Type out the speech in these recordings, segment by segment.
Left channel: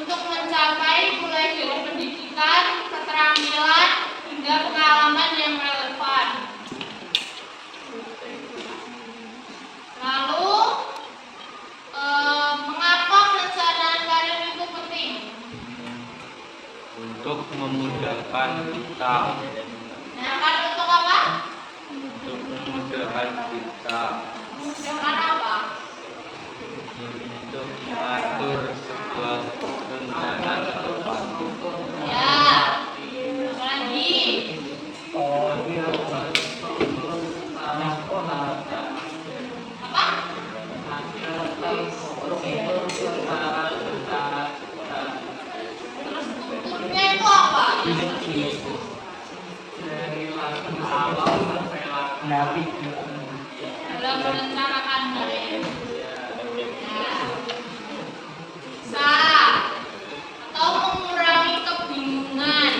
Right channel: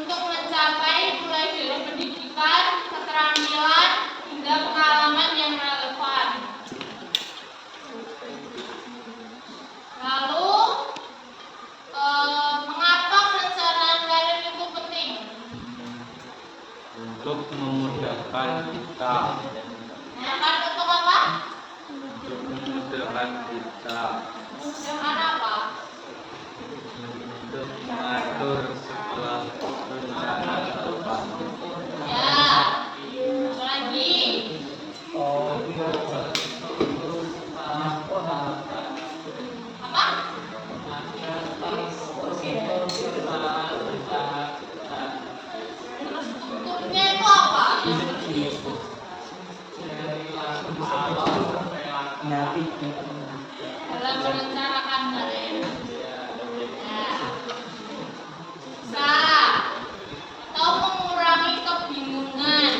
untuk mencapai mulai dari pendidikan, keterampilan, hingga pengalaman yang relevan. Lalu, mengapa perencanaan karir itu penting? Untuk memudahkan kita. Untuk apa? Untuk memudahkan kita. Memudahkan apa? Untuk mengatur sebuah perencanaan ke depan. Ya, apa lagi? Apa? Terus strukturnya itu apa? Dalam merencanakan karir. Bisa atau mengurangi kebingungan.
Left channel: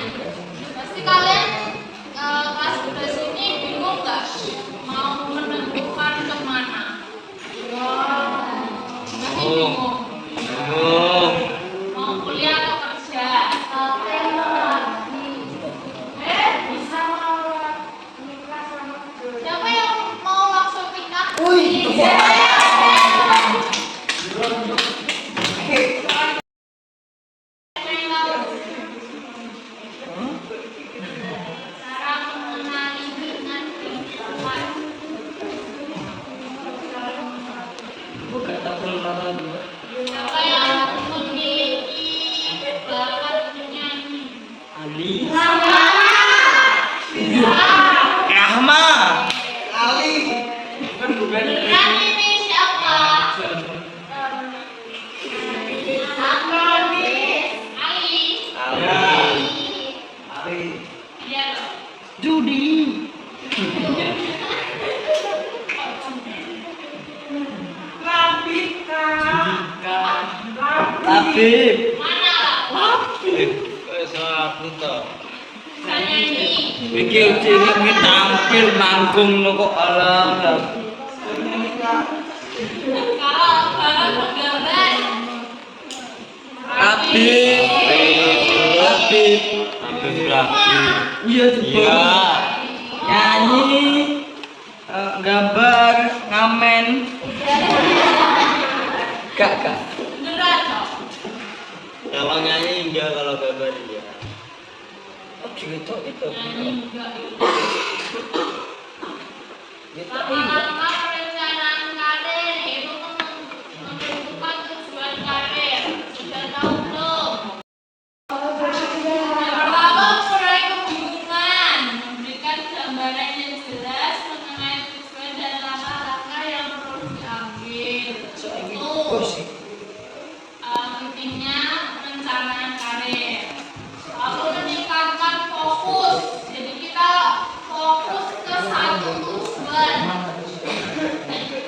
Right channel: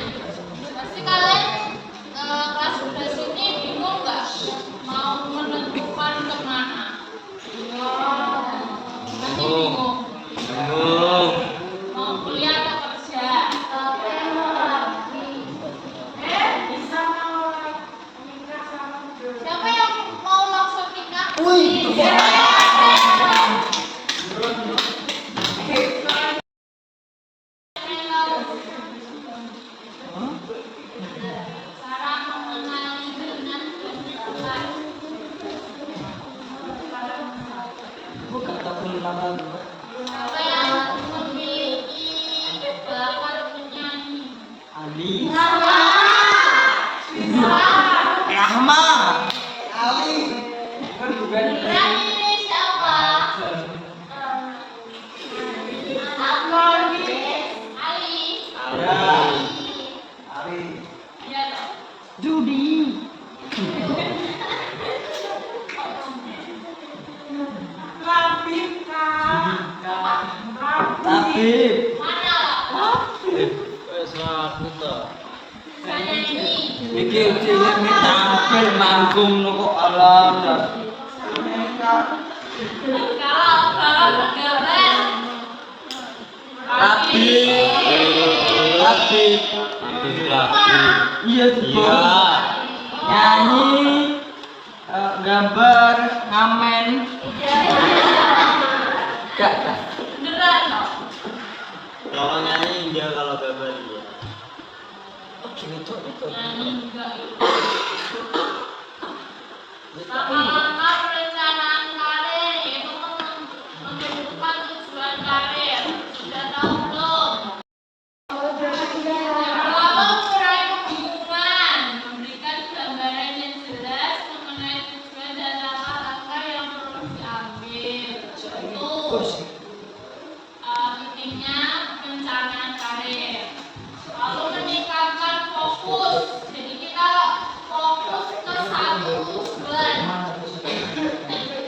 Pasti kalian kelas 11 ini bingung nggak mau menentukan kemana? Masih bingung? Mau kuliah atau kerja? Siapa yang mau langsung nikah? Cara mengenali minat dan bakat. Siapa yang memiliki bakat menyanyi? Minat ini siapa? Ali. Iya dong. Judi. Tabib. Mana lah? Saneni. Iki jenenge tampil manggung lho kok alam. Kalau gambar. Tabib. Tabib. Iya tuh. Nyanyi, gambar, ngamen. Kak. Beneran loh. Kalau nyanyi enggak, kalau gambar enggak. Oh gitu itu. Nyanyi enggak. Lama-lama perencanaan karir itu menentukan tujuan karir. Sudah tahu belum? Yang pertama mengurangi kebingungan, memberikan gambaran yang jelas mengenai tujuan dan langkah-langkah yang perlu diambil. Itu pentingnya perencanaan karir. Lalu meningkatkan fokus. Jadi kita fokus ke satu tujuan.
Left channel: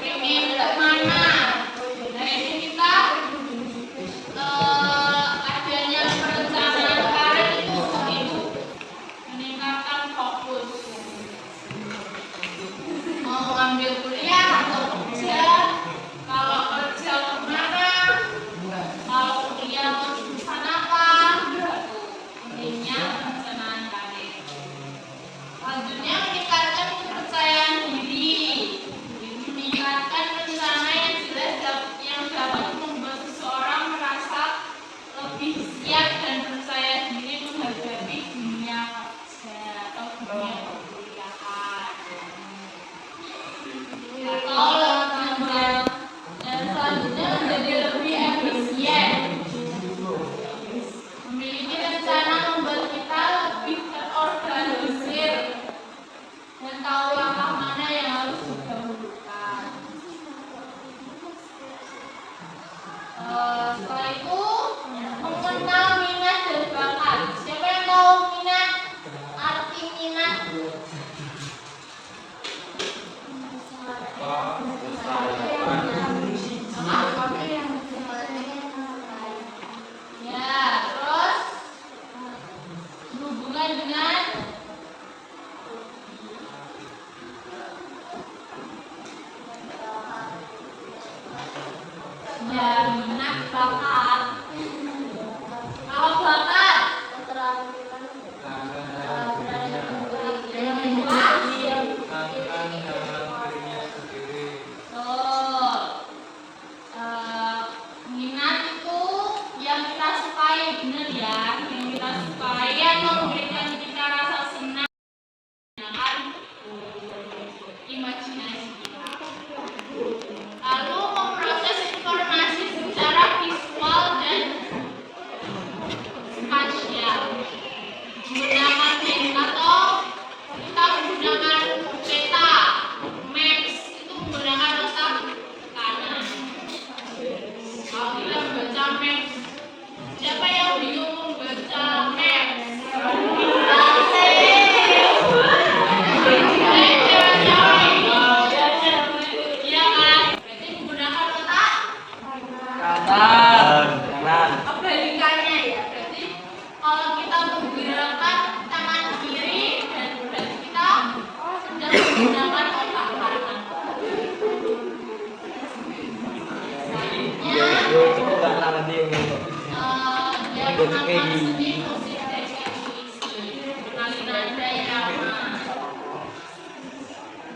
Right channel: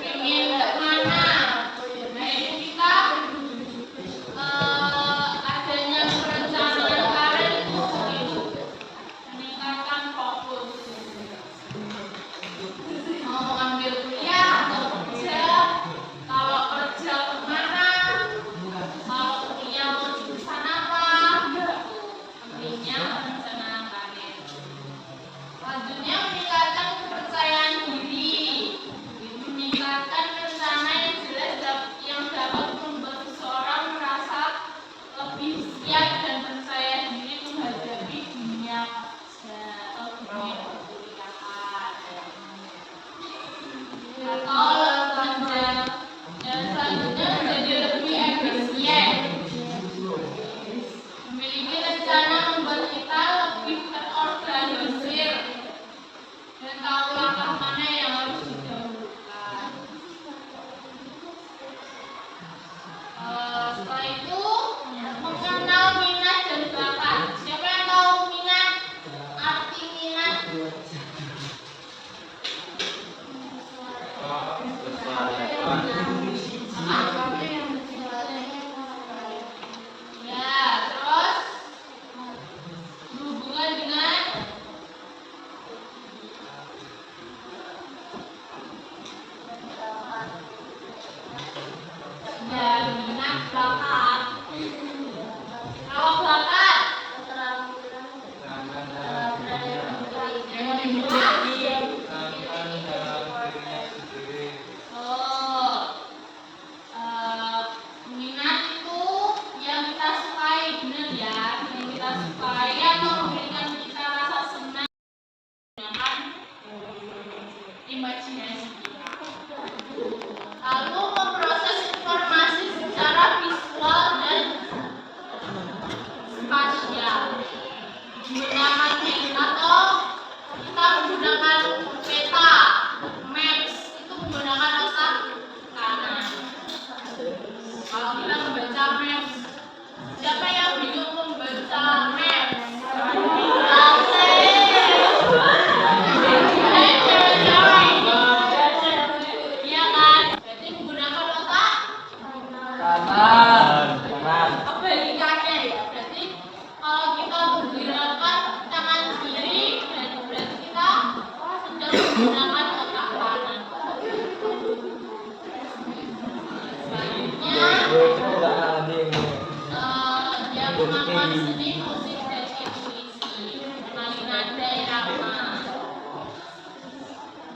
Ingin kemana? Nah itu kita adanya perencanaan karir itu begitu. Meningkatkan fokus. Mau ambil kuliah atau kerja? Kalau kerja kemana? Kalau kuliah mau jurusan apa? Pentingnya perencanaan karir. Selanjutnya meningkatkan kepercayaan diri. Meningkatkan rencana yang jelas yang dapat membuat seseorang merasa lebih siap dan percaya diri menghadapi dunia kerja atau dunia perkuliahan. Yang selanjutnya menjadi lebih efisien. Memiliki rencana membuat kita lebih terorganisir dan tahu langkah mana yang harus didahulukan. Setelah itu mengenal minat dan bakat. Siapa yang tahu minat? Arti minat? Ya, terus berhubungan dengan ya minat bakat. Siapa yang bingung membaca map? Iya kan? Berarti menggunakan otak Kanan. kebalikannya ya. Berarti kalau kita menggunakan tangan kiri, dan berarti kita sedang menggunakan otak kanan. Selanjutnya, yang mengampuni musik dan intuisi, mengenali nada irama.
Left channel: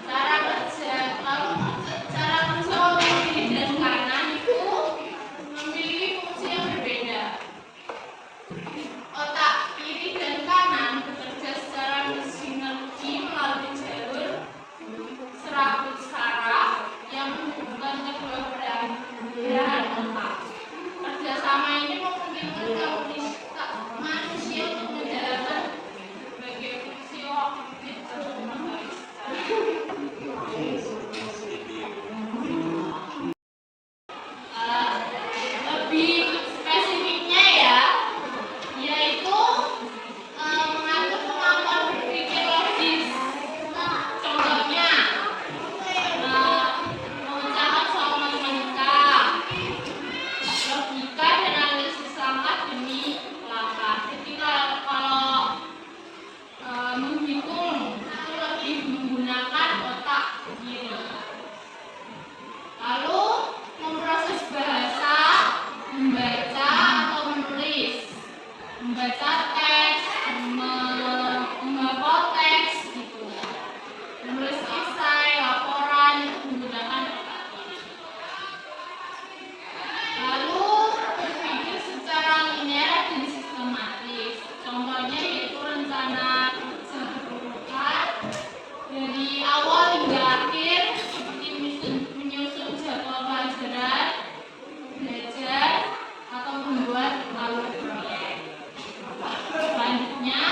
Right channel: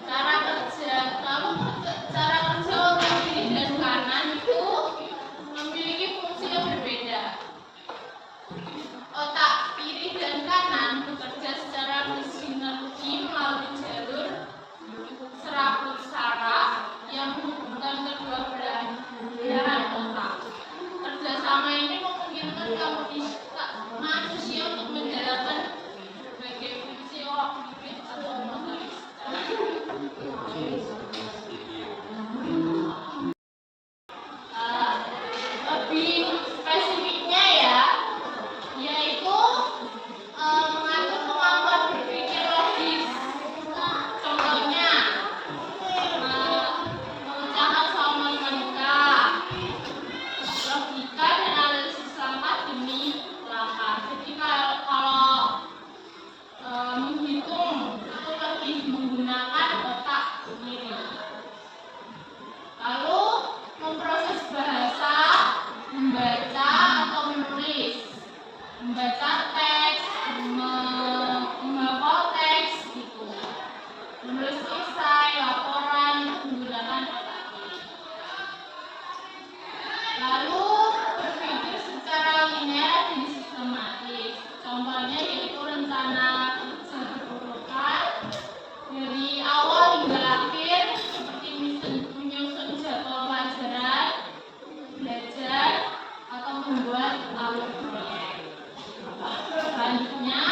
Cara kerja, lalu cara kerja otak kiri dan kanan itu memiliki fungsi yang berbeda. Otak kiri dan kanan bekerja secara bersinergi melalui jalur serabut saraf yang menghubungkan kedua belahan otak. Kerjasama ini memungkinkan manusia untuk menjalankan berbagai fungsi kognitif atau motorik. Lebih spesifiknya ya, yaitu mengatur kemampuan berpikir logis. Contohnya, mengucapkan soal matematika, logika dan analisis langkah demi langkah. Jadi kalau menghitung itu lebih menggunakan otak kiri. Lalu memproses bahasa, membaca atau menulis, membaca teks, menghafal teks gitu, menulis esai, laporan itu menggunakan otak kiri. Lalu berpikir secara linear dan sistematis. Contohnya yaitu rencana kerja berurutan dari awal hingga akhir, seperti menyusun jadwal pelajaran, belajar, atau membuat alur proyek. Selanjutnya,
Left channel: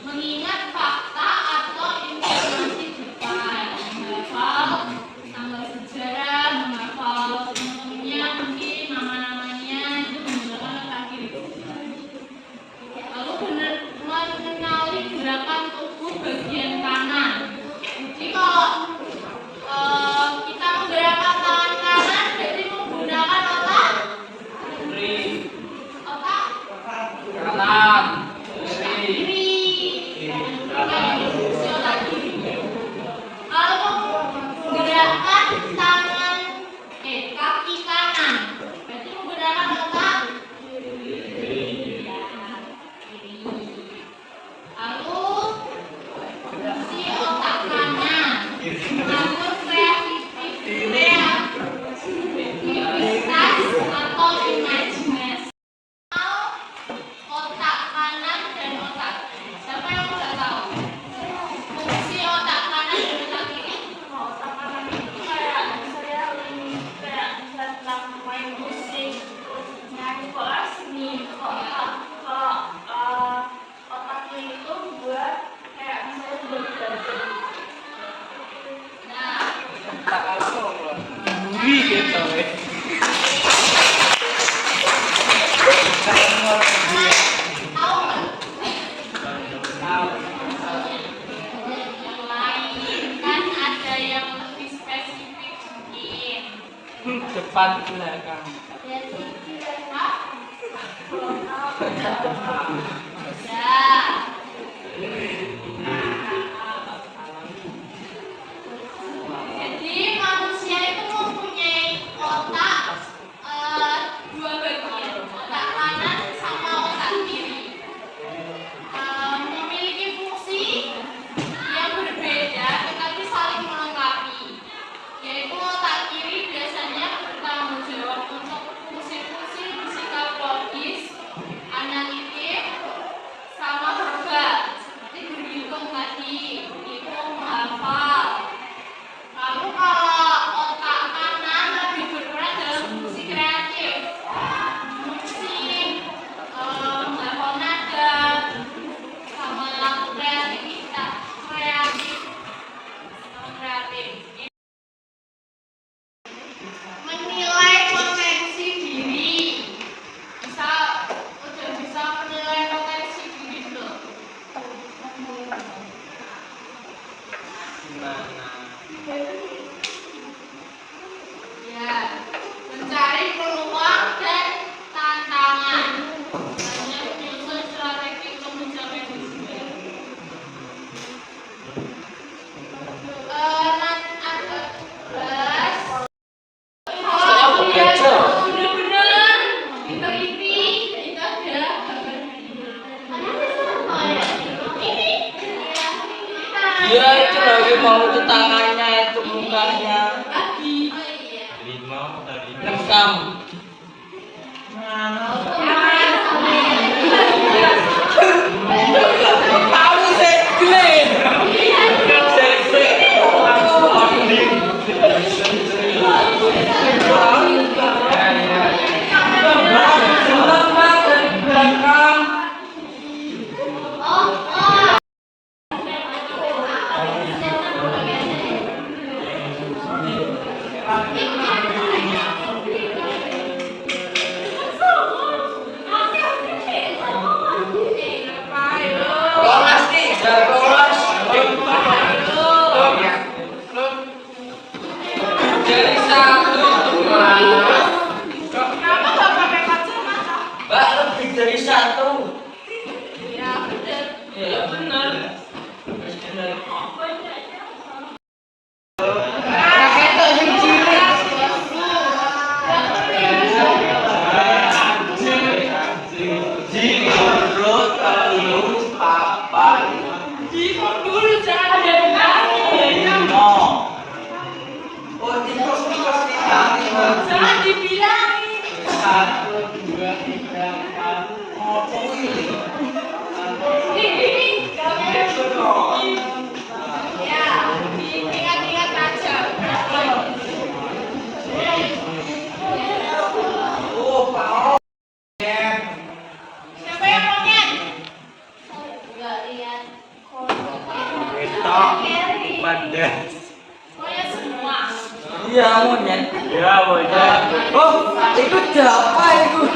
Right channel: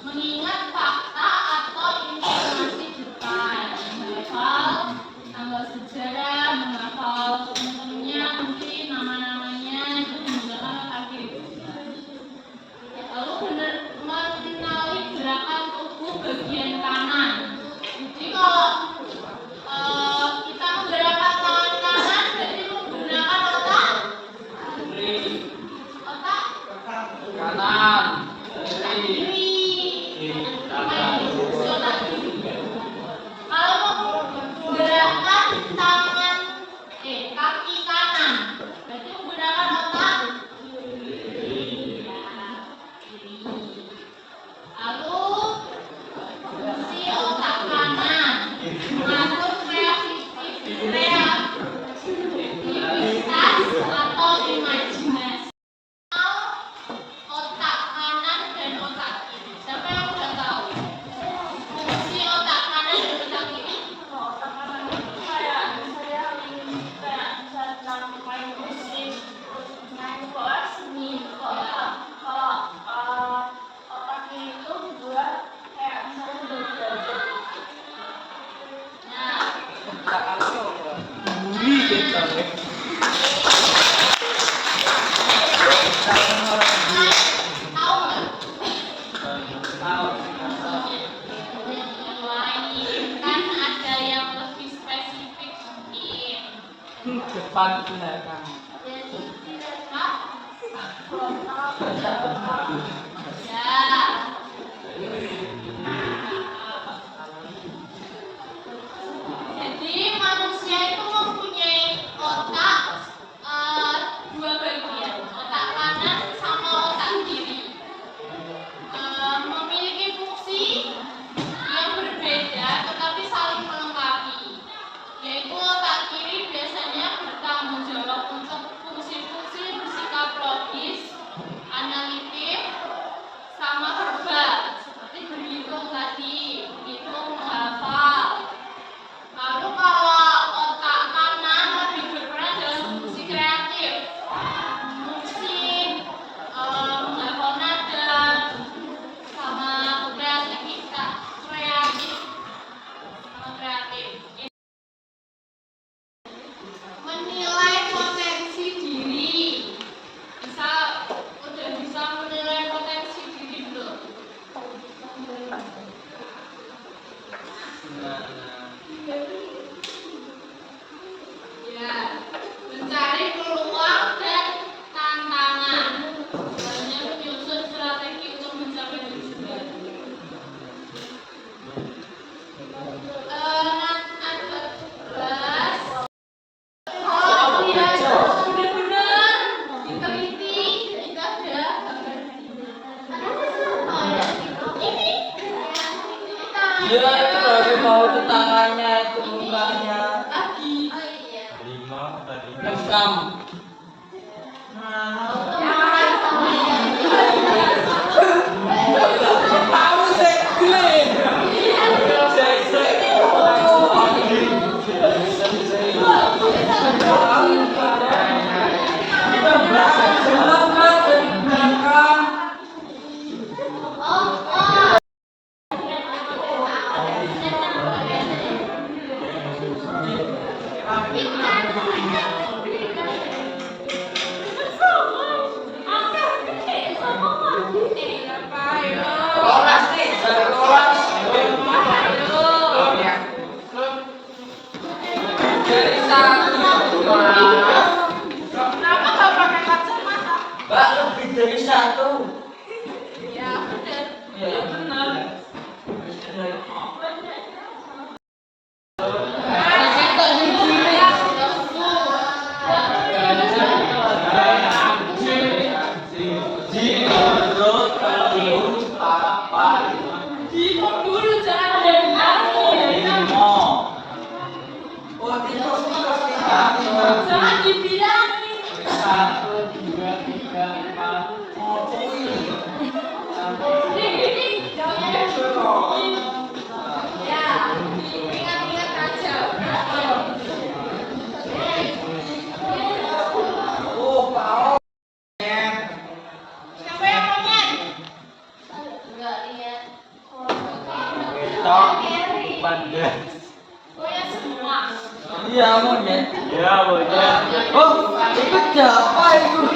mengingat fakta atau informasi depan, menghafal tanggal sejarah, menghafal teman-temannya, mungkin nama-namanya itu menggunakan otak kiri. Lalu mengenali gerakan tubuh bagian kanan. Jadi kalau kita menggerakkan tangan kanan berarti menggunakan otak Kanan. kiri. Fungsi otak kiri. Kalau menggerakkan kaki kanan berarti menggunakan otak kiri. Lalu fungsi otak kanan mengatur kreativitas atau imajinasi. Otak kanan dan otak kiri. Siapa yang udah tahu? Fungsi otak kanan dan otak kiri? Otak kanan itu kayak saya kayak bisa tentang main musik, nyanyi kelas nih. Kalau otak kiri itu buat kayak saya belajar. Nah, Buri kita. tahu nggak? Tahu. Yang lain kan ada yang lebih spesifik mungkin. Depan belakang. Hah? Ya. Jadi manusia itu mempunyai otak dua bagian, otak kanan sama otak kiri. Memiliki fungsi yang berbeda tetapi saling melengkapi. Yaitu otak kiri biasanya bertanggung jawab untuk fungsi-fungsi bersikap logis, analitik, sama verbal, seperti berhitung tadi, hitung, menghafal. Lalu kalau otak kanan lebih berperan dalam fungsi kreatif, musik, menghafal nada, sama kreativitas, sama kreatif. Menilai potensi diri, misal lebih dari satu. Ya, bener. Ya benar. Bingung dulu, jangan ada yang jangan dibilangin. 1, 2, 3, 4. Ih, ya, diingat-ingat aja. Siapa yang monyet? Enggak lihat. Monyet semua. Iya, monyet. Ya, bocah. Oh, itu siapa itu?